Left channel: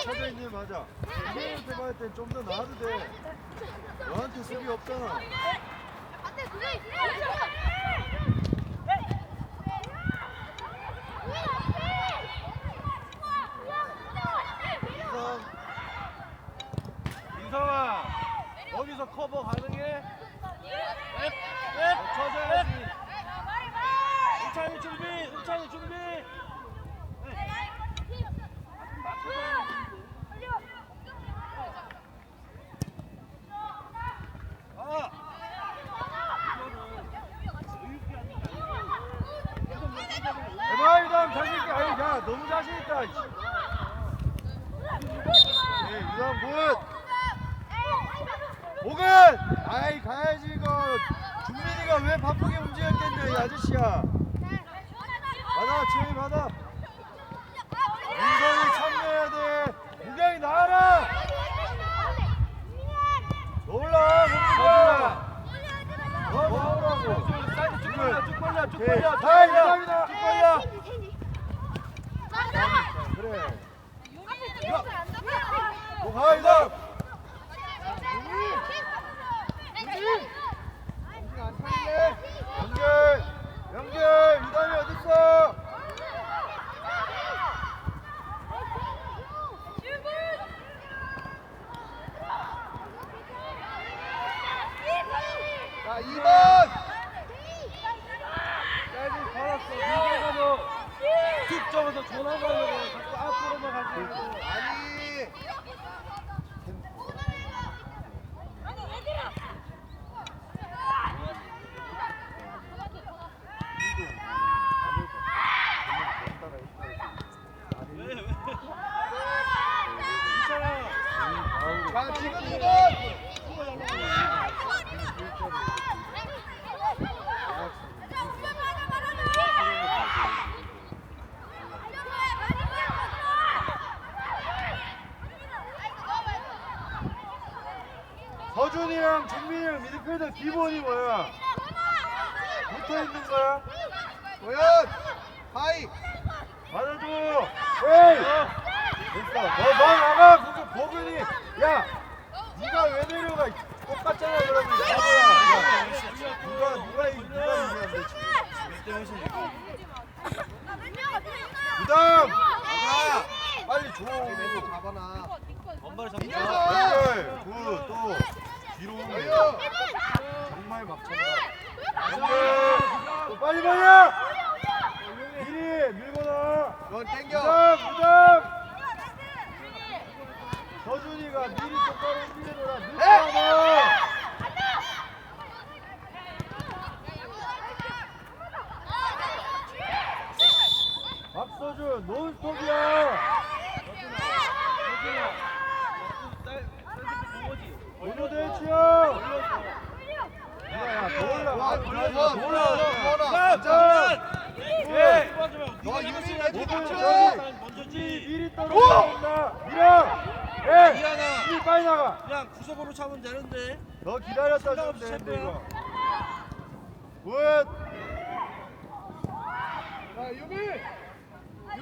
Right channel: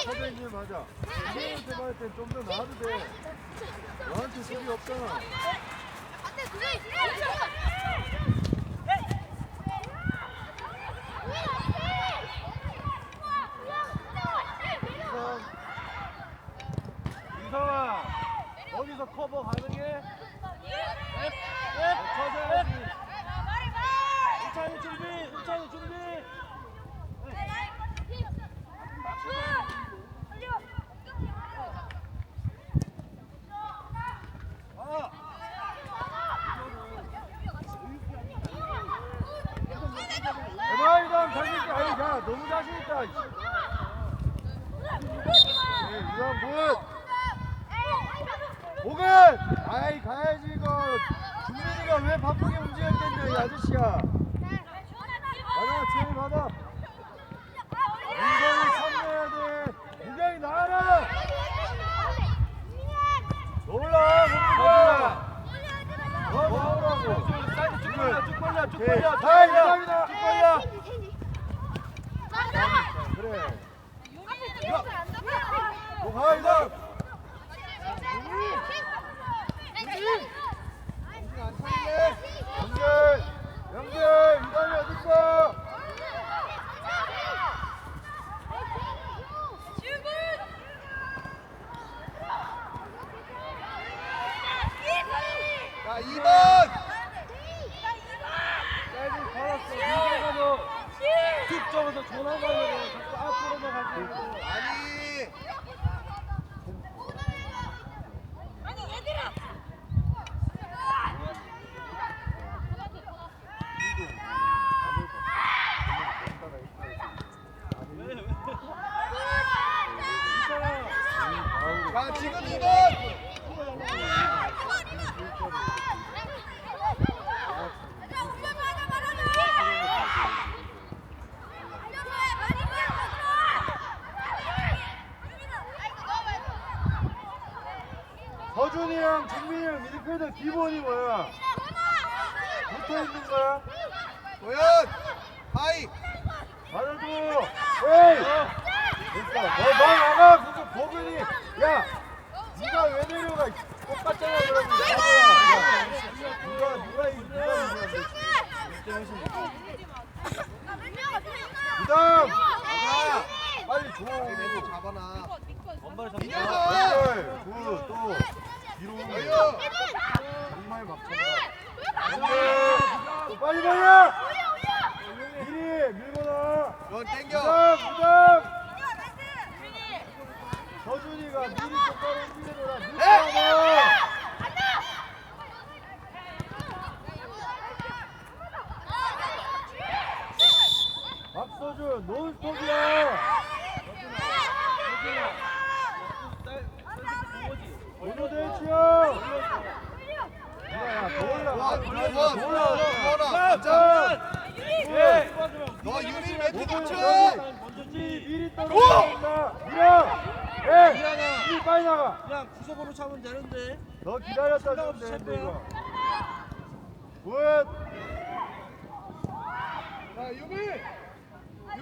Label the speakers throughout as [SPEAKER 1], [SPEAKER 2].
[SPEAKER 1] 센터백한테 받을 때는 서대인님 맞아. 구경이한테 받을 때는 좀더 나아도 돼. 너한테 수비 없잖아. 이성, 이성아, 어디서 커버 가능해? 쳐줘야지.
[SPEAKER 2] 우찬이 준비 우찬이 준비
[SPEAKER 1] 대박이다, 자신 있게. 아이, 야, 너무 자신 있다. 이. 네, 이상 굿. 목은, 아이 가야지 이거. 준민이가 왜 바쁘게 움직였겠냐 이 아저씨야. 받아, 지현이 받아. 인성이 참여해야 돼. 무경이 나가라. 놀라, 목이가. 너 나오라고.
[SPEAKER 2] 사이드 쭉 쭉 벌려 쭉
[SPEAKER 1] 오케이.
[SPEAKER 2] 벌려
[SPEAKER 1] 쭉다
[SPEAKER 2] 벌려
[SPEAKER 1] 이상이다.
[SPEAKER 2] 쭉 벌려
[SPEAKER 1] 그래. 뭐가 이상. 영재, 영재, 이단이 어딨어? 자, 2번. 짧은 걸었어. 이제가 너툭 접어서 전화 가려고 자꾸 앞으로만 가지고. 아니. 자, 지금 2번. 서준이랑 김민이랑 미드필더 기본이 뭐야? 붙어 있는 거야? 도현! 하이! 받아줘! 에이! 됐어. 너, 너 나가! 그거 보근이! 야! 니가 왜 내려가? 똑같잖아, 그러면. 야, 누가, 누가, 이- 누가 이기는데? 부담! 빨리 줘! 가봐놔.
[SPEAKER 2] 엄마를
[SPEAKER 1] 야,
[SPEAKER 2] 잡자
[SPEAKER 1] 왼발! 굿, 굿. 뒤로 오면 정말 먹잖아. 빨리 빨리! 미리 밀고 나와. 넌 땡겨. 무당 무당. 서준이가 미리 똑바로 움직여줘라. 늦잖아. 박서준 논스톱이야. 오늘 대치야. 예. 예.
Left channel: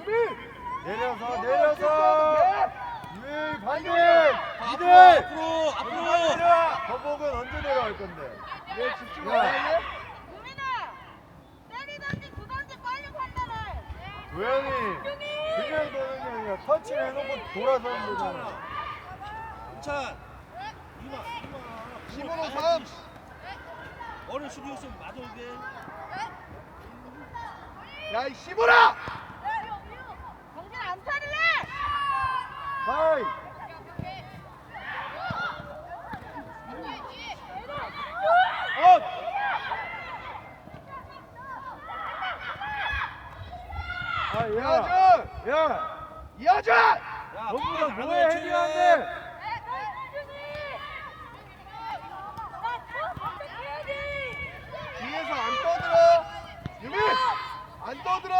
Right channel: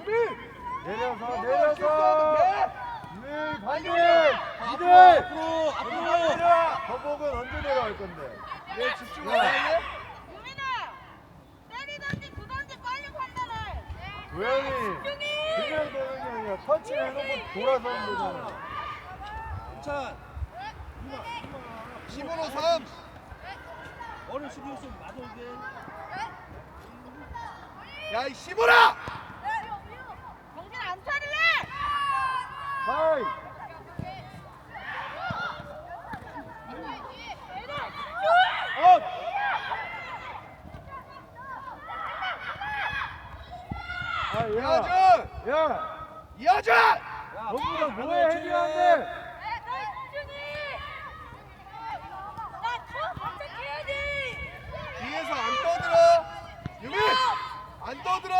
[SPEAKER 1] 내려서 내려서. 빨리
[SPEAKER 2] 앞으로
[SPEAKER 1] 내려와 거복은 언제 내려갈 건데
[SPEAKER 2] 내 집중
[SPEAKER 1] 야.
[SPEAKER 2] 안 할래?
[SPEAKER 1] 도현이 그냥 도는 게 아니라 터치 해놓고 돌아서 하면 되잖아
[SPEAKER 2] 괜찮
[SPEAKER 3] 15로 3
[SPEAKER 2] 어른 수비였으면 맞아오게
[SPEAKER 3] 야이 15라
[SPEAKER 1] 아야
[SPEAKER 3] 이하준
[SPEAKER 1] 야
[SPEAKER 3] 이하준
[SPEAKER 1] 전부 다 뭐해 헤딩하는데
[SPEAKER 3] 뒤에서 안 떠들어 유민 안 떠들어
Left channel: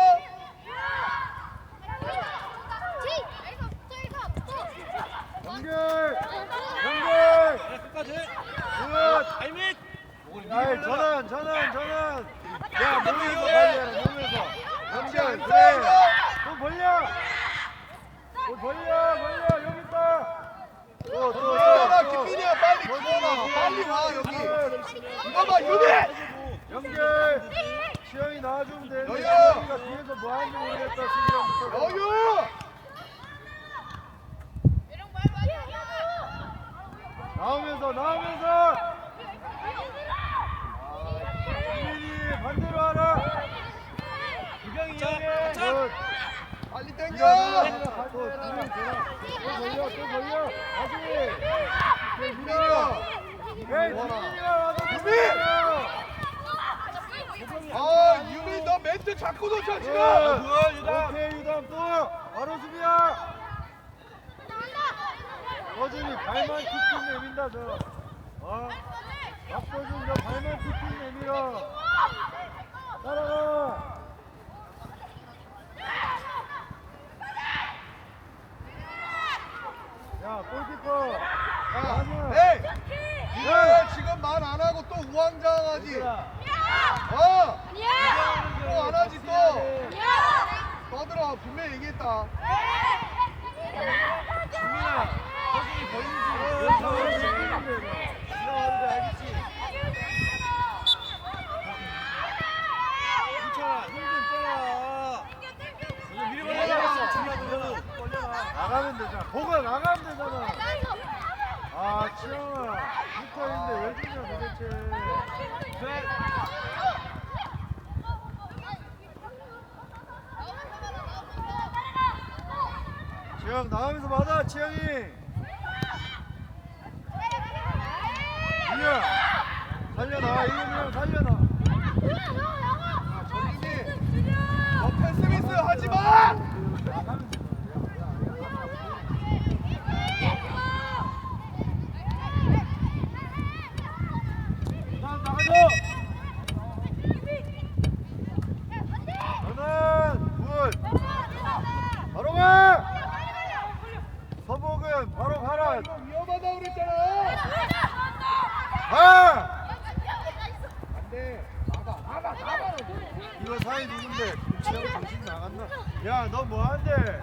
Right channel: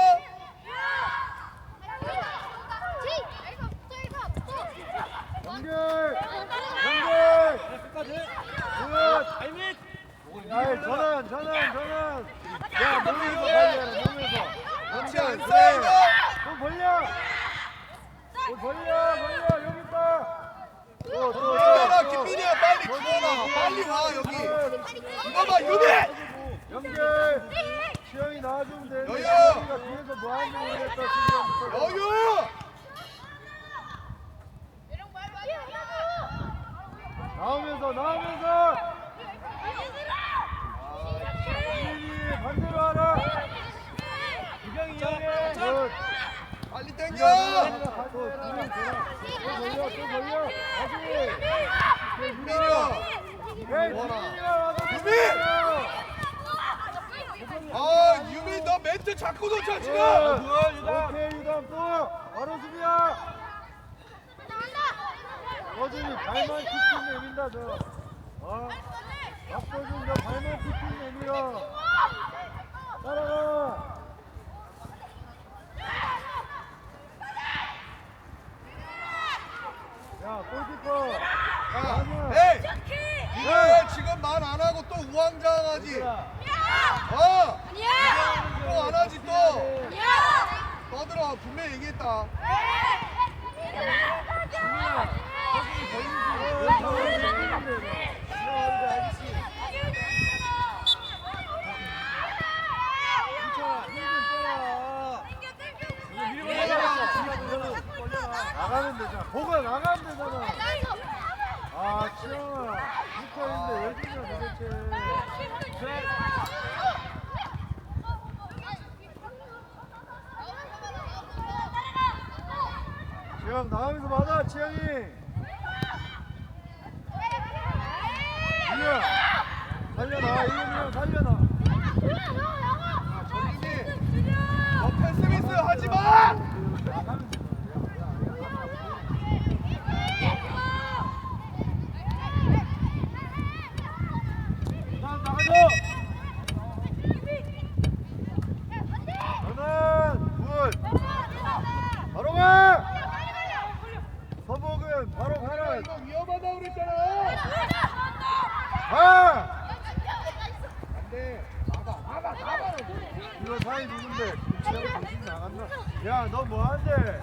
[SPEAKER 1] 연결 연결
[SPEAKER 2] 끝까지
[SPEAKER 1] 굿
[SPEAKER 2] 타이밍
[SPEAKER 1] 야이 전환 전환 전환 야 몸에서 벌려 몸에서
[SPEAKER 3] 써요.
[SPEAKER 1] 그래. 또 벌려. 또 벌려 벌려. 여기 있다. 또, 또,
[SPEAKER 3] 들어와
[SPEAKER 1] 또, 또.
[SPEAKER 3] 김민이야. 빨리
[SPEAKER 1] 또,
[SPEAKER 3] 빨리
[SPEAKER 1] 또,
[SPEAKER 3] 와
[SPEAKER 1] 또,
[SPEAKER 3] 여기.
[SPEAKER 1] 또.
[SPEAKER 3] 이거 봐 유민
[SPEAKER 1] 연결. 시영이 나와주면 되는데
[SPEAKER 3] 여유.
[SPEAKER 1] 뒤에서 뭐 하는지 모르겠다 수비형부터
[SPEAKER 3] 여유
[SPEAKER 1] 나오면서 나오면서 수빈이 반대로 하라 구경이 이용해 굿.
[SPEAKER 3] 빨리
[SPEAKER 1] 네가
[SPEAKER 3] 땡겨
[SPEAKER 1] 내가 가서 둘이 돌아. 또 벌려 또 벌려 다시 네, 밀어 에이 수빈이가 와서
[SPEAKER 3] 수빈!
[SPEAKER 1] 밀어.
[SPEAKER 3] 아 유민 너 멘트 자꾸 놓쳐
[SPEAKER 1] 굿.
[SPEAKER 3] 지금
[SPEAKER 2] 뭐야, 유담?
[SPEAKER 1] 오케이 유담 굿 바로 수비야 서준이 발만 킥킥 내민다 저 어? 박서준 저 발만 킥킥 내밀어 따라가 야 골키퍼 야 아니야
[SPEAKER 3] 에이 이거 지금 말 안 하고 또 우왕좌왕하지 어? 또 안 하지 또 떠들어 분명히 얘기했다
[SPEAKER 1] 나가면 되잖아 보가 나가면 되잖아 아 치영아 붙어있는데 왜 주냐 도대체. 치영 나가면서 맞아 치영이. 이형 살려놔 이형 살려놔.
[SPEAKER 3] 정인이. 너 패스미스 하지 마
[SPEAKER 1] 나 나가줘 너는 굿 바로 가 서복은 바로 가라
[SPEAKER 3] 이거 위험하다 그랬잖아
[SPEAKER 1] 가
[SPEAKER 3] 안돼 나가 나가 나가
[SPEAKER 1] 이거 사이 누군데? 나갔나 야 너 뭐하는데?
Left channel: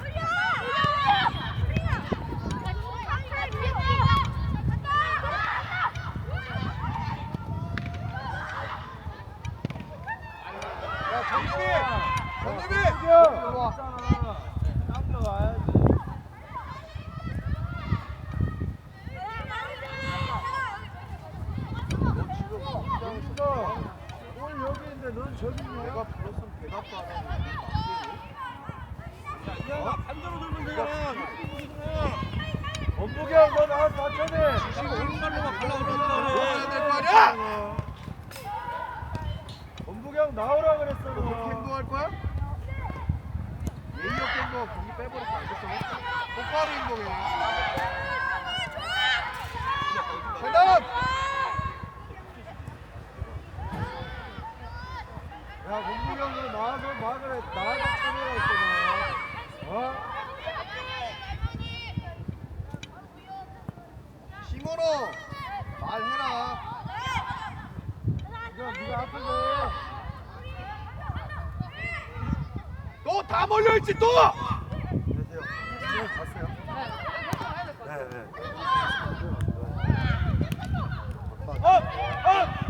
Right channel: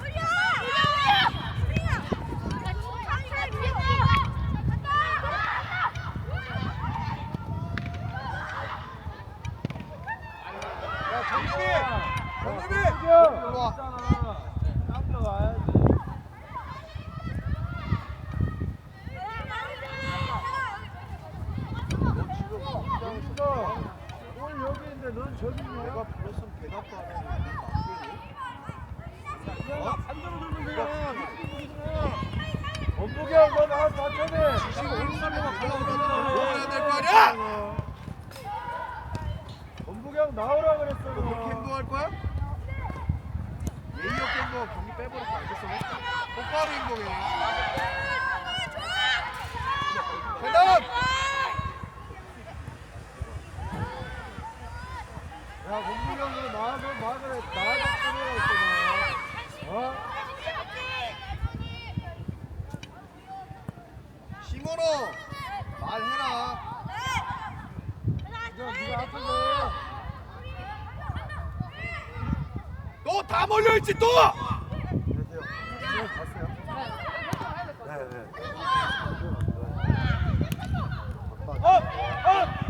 [SPEAKER 3] 야 정민이! 정민이
[SPEAKER 1] 수경
[SPEAKER 3] 일로 와
[SPEAKER 1] 땀 와야지 어딨어 오늘 여기 있는데 넌 저기 있냐
[SPEAKER 3] 내가 불렀으면 대답도 안 하고
[SPEAKER 2] 야 반대로 돌면 되잖아
[SPEAKER 1] 원복 어,
[SPEAKER 3] 다 몰려있지 또!
[SPEAKER 1] 어, 어!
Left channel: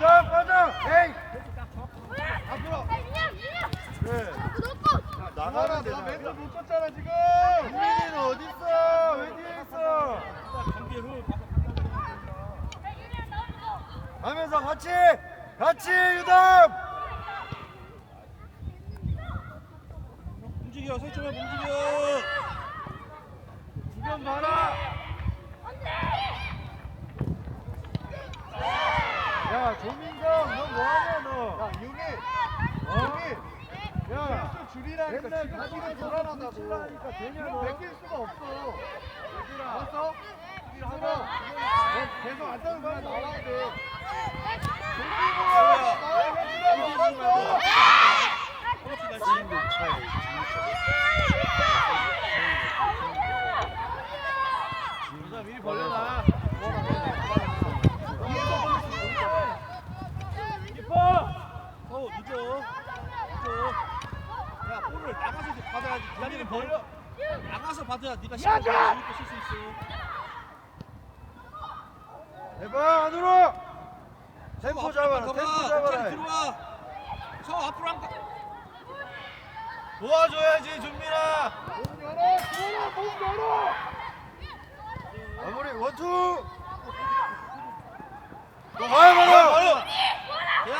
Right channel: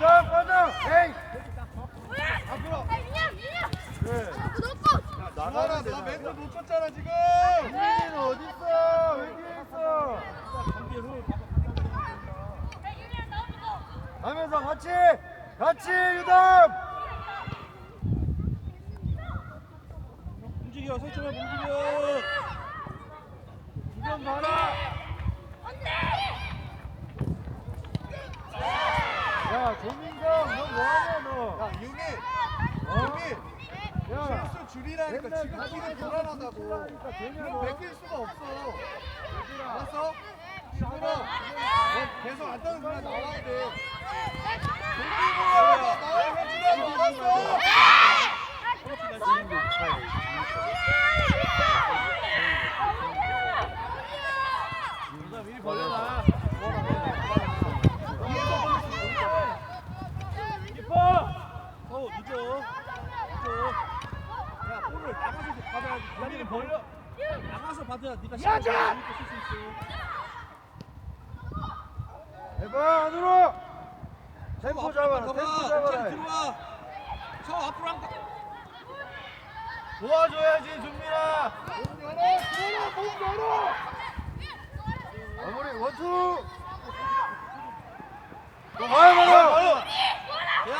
[SPEAKER 1] 빠져. 에이. 앞으로. 그래. 나가라
[SPEAKER 3] 나 멘트 못 쳤잖아 지금.
[SPEAKER 1] 국민이는 어디 있어? 왜 뒤에 있어? 하면서 같이 같이 유담.
[SPEAKER 2] 움직여 설정해 움직여
[SPEAKER 1] 주변 봐라. 야 조민정 너 뭐하냐 너?
[SPEAKER 3] 야 유미. 유미.
[SPEAKER 1] 야.
[SPEAKER 3] 실수 줄이라니까 지금 지금 불안하다고. 그럼
[SPEAKER 1] 너?
[SPEAKER 3] 베낄 수가 없어. 알았어? 너 계속 안 떠는 거야 나와야 돼.
[SPEAKER 2] 미리 벌려놔 깊어 늦어 야 볼을 나가서 받아야지 기다리는 벌려 나가서 받아야 네가 시간 잘 믿고 쓸수 있어
[SPEAKER 1] 해봐 안으로. 템포.
[SPEAKER 2] 가봐.
[SPEAKER 1] 템포.
[SPEAKER 2] 들어와 저 앞으로 한 거.
[SPEAKER 1] 도와줘야지 준민아.
[SPEAKER 3] 문 열어! 들어라! 문 열어!
[SPEAKER 1] 마무리 원투. 너 가야 돼.
[SPEAKER 2] 야,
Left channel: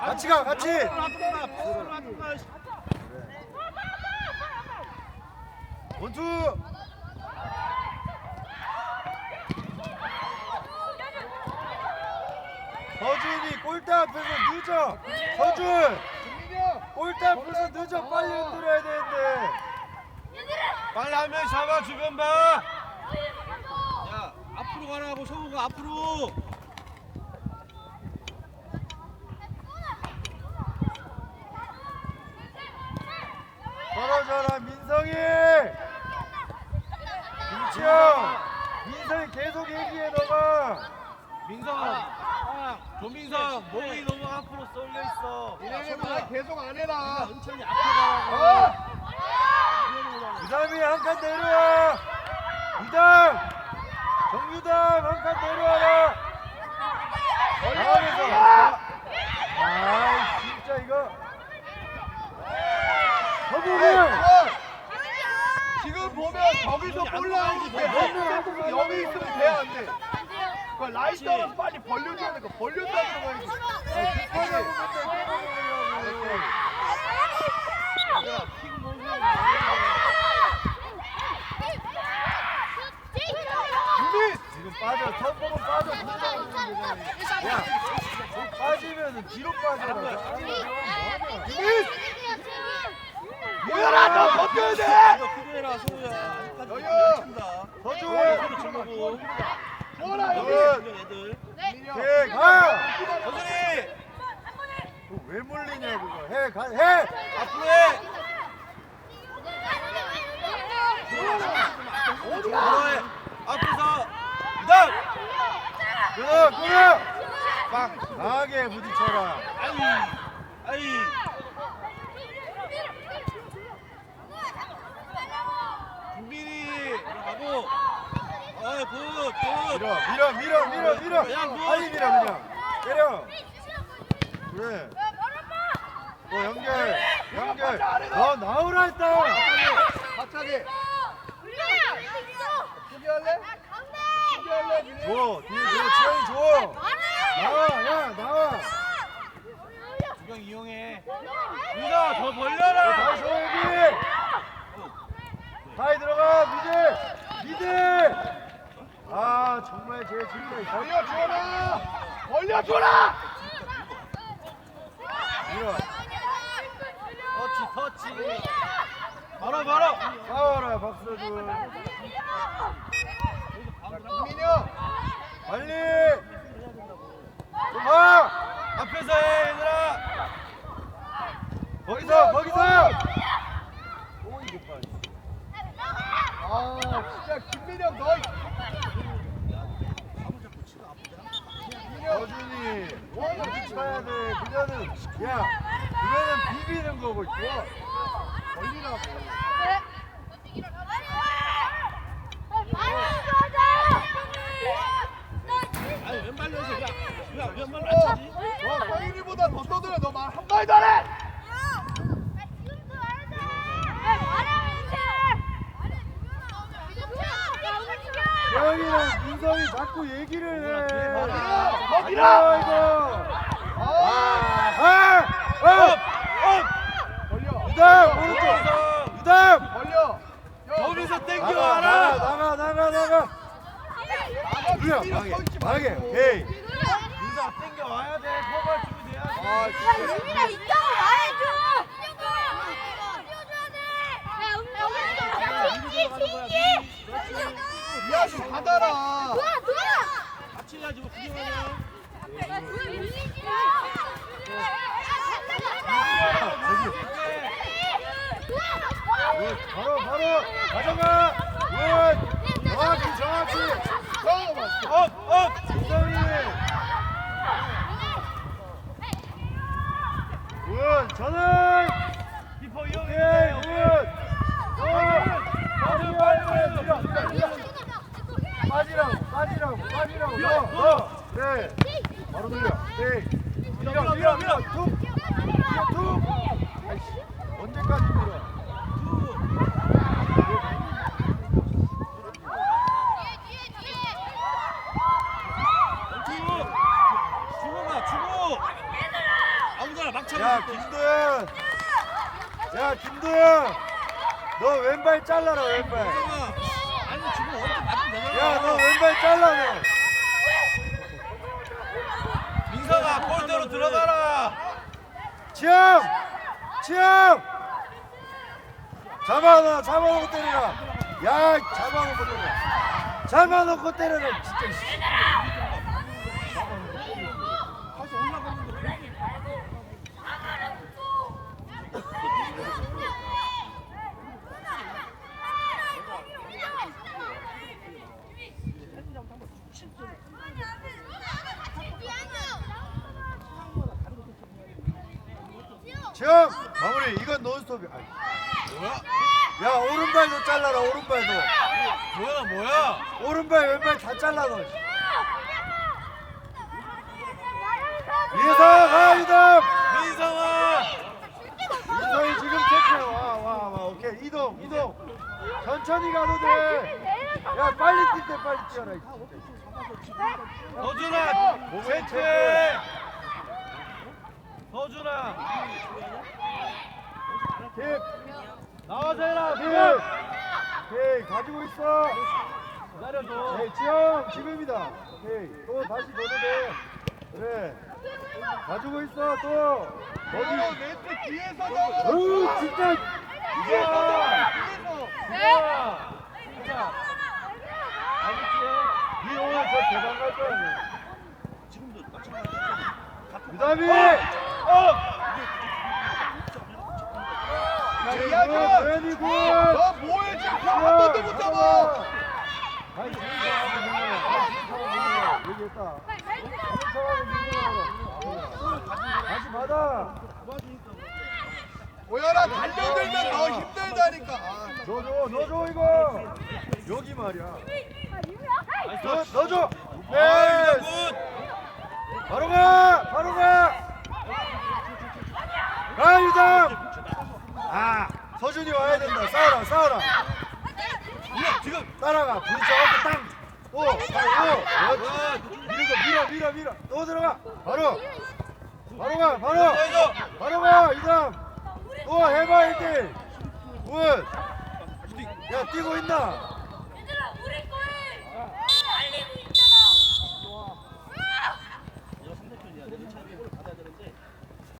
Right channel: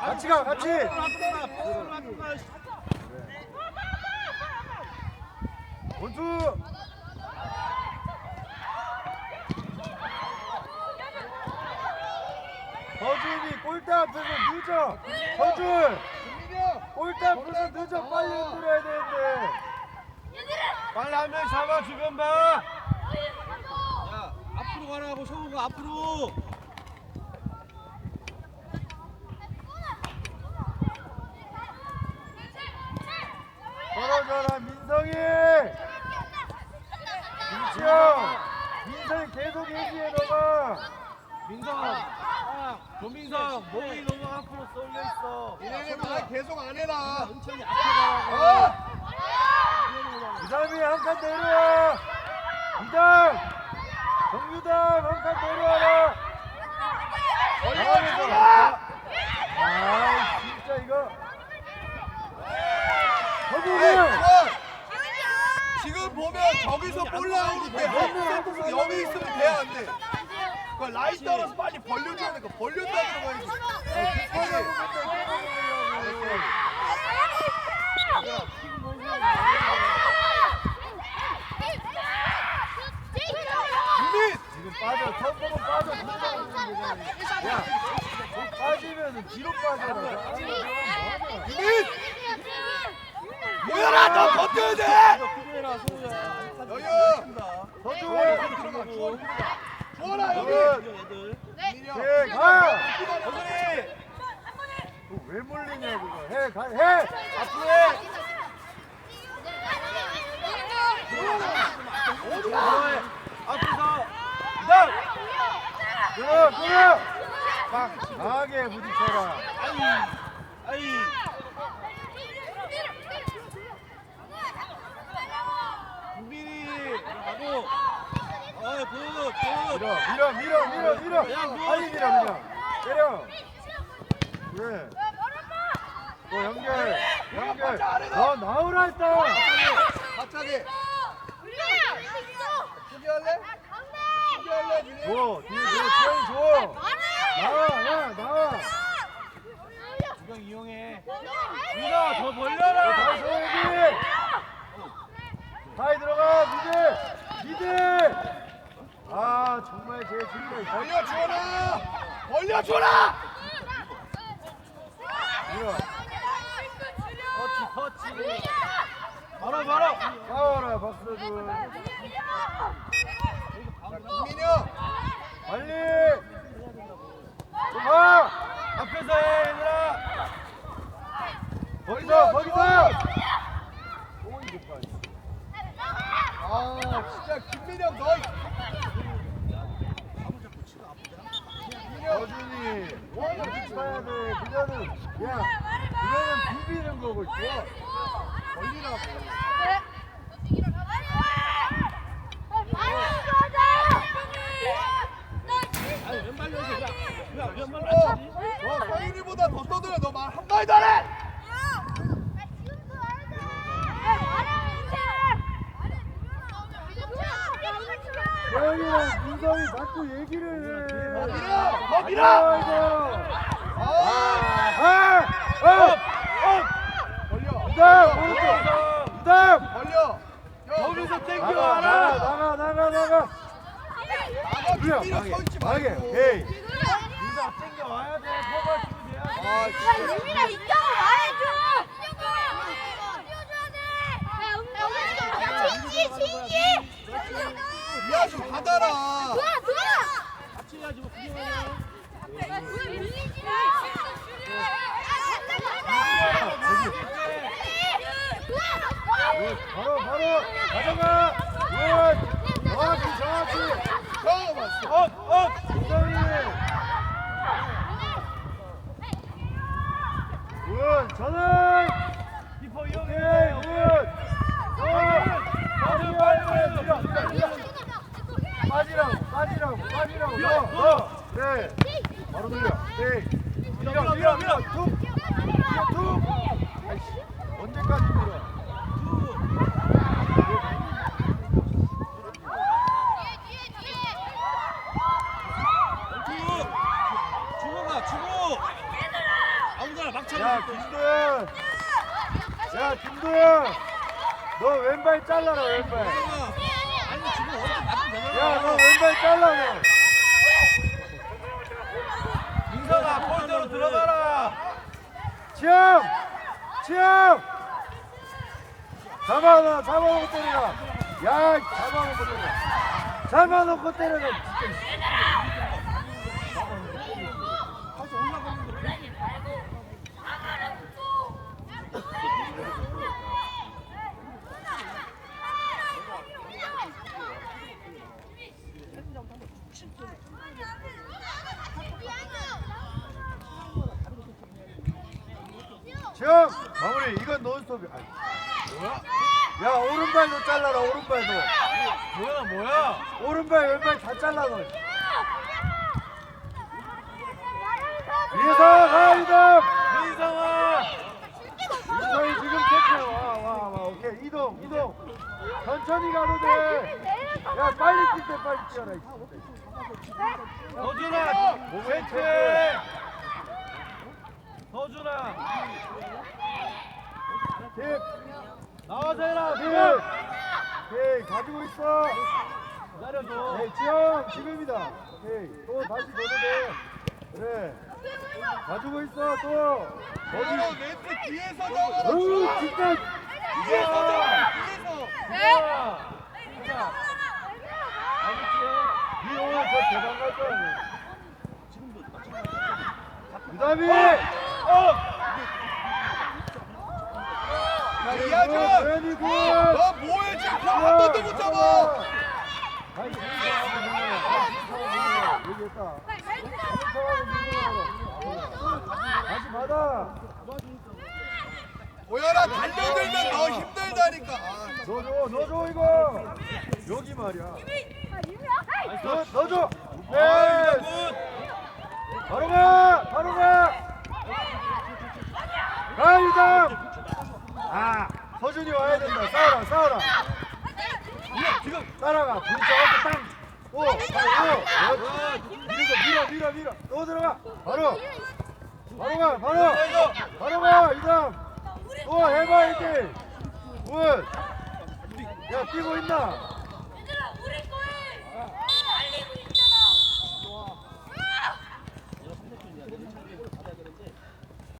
[SPEAKER 1] 같이 가 같이. 원투. 서준이 골대 앞에서 늦어.
[SPEAKER 3] 민혁!
[SPEAKER 1] 골대 앞에서 늦어. 빨리 흔들어야 되는데.
[SPEAKER 2] 빨리 한명 잡아 주변 봐. 야 앞으로 가라고 성우가 앞으로.
[SPEAKER 1] 걸어줘라 민성이. 김치영. 민성이 계속 얘기해 너가.
[SPEAKER 2] 민성은 아 고민성 몸이 너무 앞으로 쏠려 있어.
[SPEAKER 3] 민혁이 말 계속 안 해라.
[SPEAKER 2] 은천이 앞에 가라고.
[SPEAKER 3] 어?
[SPEAKER 1] 이담이 한 칸 내려와. 이담. 정유담 한 칸 내려와라.
[SPEAKER 3] 걸려!
[SPEAKER 1] 아 진짜 이거. 서부가.
[SPEAKER 3] 지금 보면 저기서 볼 나오는데 어, 여기 있으면 돼안 돼? 그 라인 따라서 빨리 벌려줘야 돼. 그 벌렸다 들어가야지. 준비!
[SPEAKER 1] 지금 빠져. 턱보고 빠져. 야, 너 빠지면은 뒤로 빠져라.
[SPEAKER 3] 너 버텨야 돼!
[SPEAKER 2] 어,
[SPEAKER 1] 부딪혀라.
[SPEAKER 2] 아이 아이 들어 가고. 어이 굿 굿.
[SPEAKER 1] 밀어, 밀어, 밀어, 밀어, 밀어.
[SPEAKER 2] 야, 뭐.
[SPEAKER 1] 빨리 밀어, 밀어. 때려. 그래. 어, 연결, 연결. 더 나오라 했다.
[SPEAKER 3] 갑자기! 포기할래? 포기할래? 민혁?
[SPEAKER 1] 줘, 뒤에 야, 이거는 비비는 거고 있고
[SPEAKER 3] 걸리라고.
[SPEAKER 2] 아니 왼발로 해서 그냥 그냥
[SPEAKER 3] 왼발로
[SPEAKER 2] 해야지.
[SPEAKER 3] 너 서윤이보다 더 떠들어. 너말 한마디도
[SPEAKER 1] 어디라?
[SPEAKER 3] 버디라.
[SPEAKER 1] 거기서
[SPEAKER 3] 땡겨,
[SPEAKER 1] 나가,
[SPEAKER 3] 알아.
[SPEAKER 1] 나가, 나가, 나가, 나가.
[SPEAKER 3] 나가
[SPEAKER 1] 만약에,
[SPEAKER 3] 말고.
[SPEAKER 1] 에이.
[SPEAKER 3] 아, 진짜. 미아 좀 받아라.
[SPEAKER 2] 같이 해가지고 구경하네
[SPEAKER 1] 바로, 바로, 가져가. 굿. 정확히, 정확히.
[SPEAKER 3] 처음 왔어.
[SPEAKER 1] 업, 업. 민성이. 굿, 전환.
[SPEAKER 2] 비포
[SPEAKER 1] 오케이, 굿. 어, 빨리, 빨리, 밀어, 밀어, 밀어. 빠지라고, 빠지라고, 빠지라고. 너, 너. 그래. 바로 밀려. 네. 밀어, 밀어, 밀어. 툭. 밀어, 툭. 아이씨. 언제까지 밀어?
[SPEAKER 2] 주 주호가 주호 아무거나 막
[SPEAKER 1] 야,
[SPEAKER 2] 차면 돼
[SPEAKER 1] 김도현. 야, 김도현. 너 왼발 잘라라, 왼발.
[SPEAKER 2] 아니 주호 어디 맞으면 되잖아
[SPEAKER 1] 야, 너 왼발 잘라라.
[SPEAKER 2] 민서가 골대로 들어가라
[SPEAKER 1] 지영! 지영! 잡아놔, 잡아놓고 때려라. 야, 잡아놓고 때려라. 잡아놓고 때려라, 진짜.
[SPEAKER 2] 가서 올라가는데
[SPEAKER 1] 지영! 마무리, 이건 논스톱이야. 뭐야? 야, 오른발도 잘라라, 오른발도.
[SPEAKER 2] 뭐야 뭐야
[SPEAKER 1] 오른발, 왼발 다 잘라, 너. 민성, 하이담!
[SPEAKER 2] 민성아
[SPEAKER 1] 민성이 지금 체크야. 와, 와, 와. 오케이, 이동, 이동. 천천히 가도 돼. 야, 빨리 뛸때 빨리 뛰어라. 이
[SPEAKER 2] 허준아
[SPEAKER 1] 몸에 체크.
[SPEAKER 2] 허준아
[SPEAKER 1] 킵.
[SPEAKER 2] 나와서 해라
[SPEAKER 1] 킵. 오케이, 가지고 있어.
[SPEAKER 2] 기다려줘
[SPEAKER 1] 네, 지영, 지금이다. 오케이, 또 다시 넣어도 돼. 그래. 가지고 있어, 또. 어디?
[SPEAKER 3] 내 뒤에서 너.
[SPEAKER 1] 어우, 진짜.
[SPEAKER 3] 뒤에서
[SPEAKER 1] 이야.
[SPEAKER 3] 뒤에서.
[SPEAKER 1] 이야. 니 오늘 저 대박 갈 거야. 유다비!
[SPEAKER 3] 어.
[SPEAKER 1] 야,
[SPEAKER 3] 이하준!
[SPEAKER 1] 이거 굿!
[SPEAKER 3] 뭐해 지금 한 번도 못 잡아.
[SPEAKER 1] 다시 받아.
[SPEAKER 3] 오연아 달려들면 너 힘들다니까.
[SPEAKER 1] 넣어줘, 넣어줘, 이거. 여기 말이야. 넣어, 넣어줘. 네. 바로 가, 바로 가. 가이장. 아, 서준이 와야 된다. 싸워라, 싸워라. 지금 따라가. 둘이 저한테 땅. 오, 오, 오. 밀어, 밀어, 밀어, 밀어. 또 들어가. 바로. 바로 가, 바로. 바로 가, 이장. 또 해봐, 이제. 굿. 야, 뛰고 있나?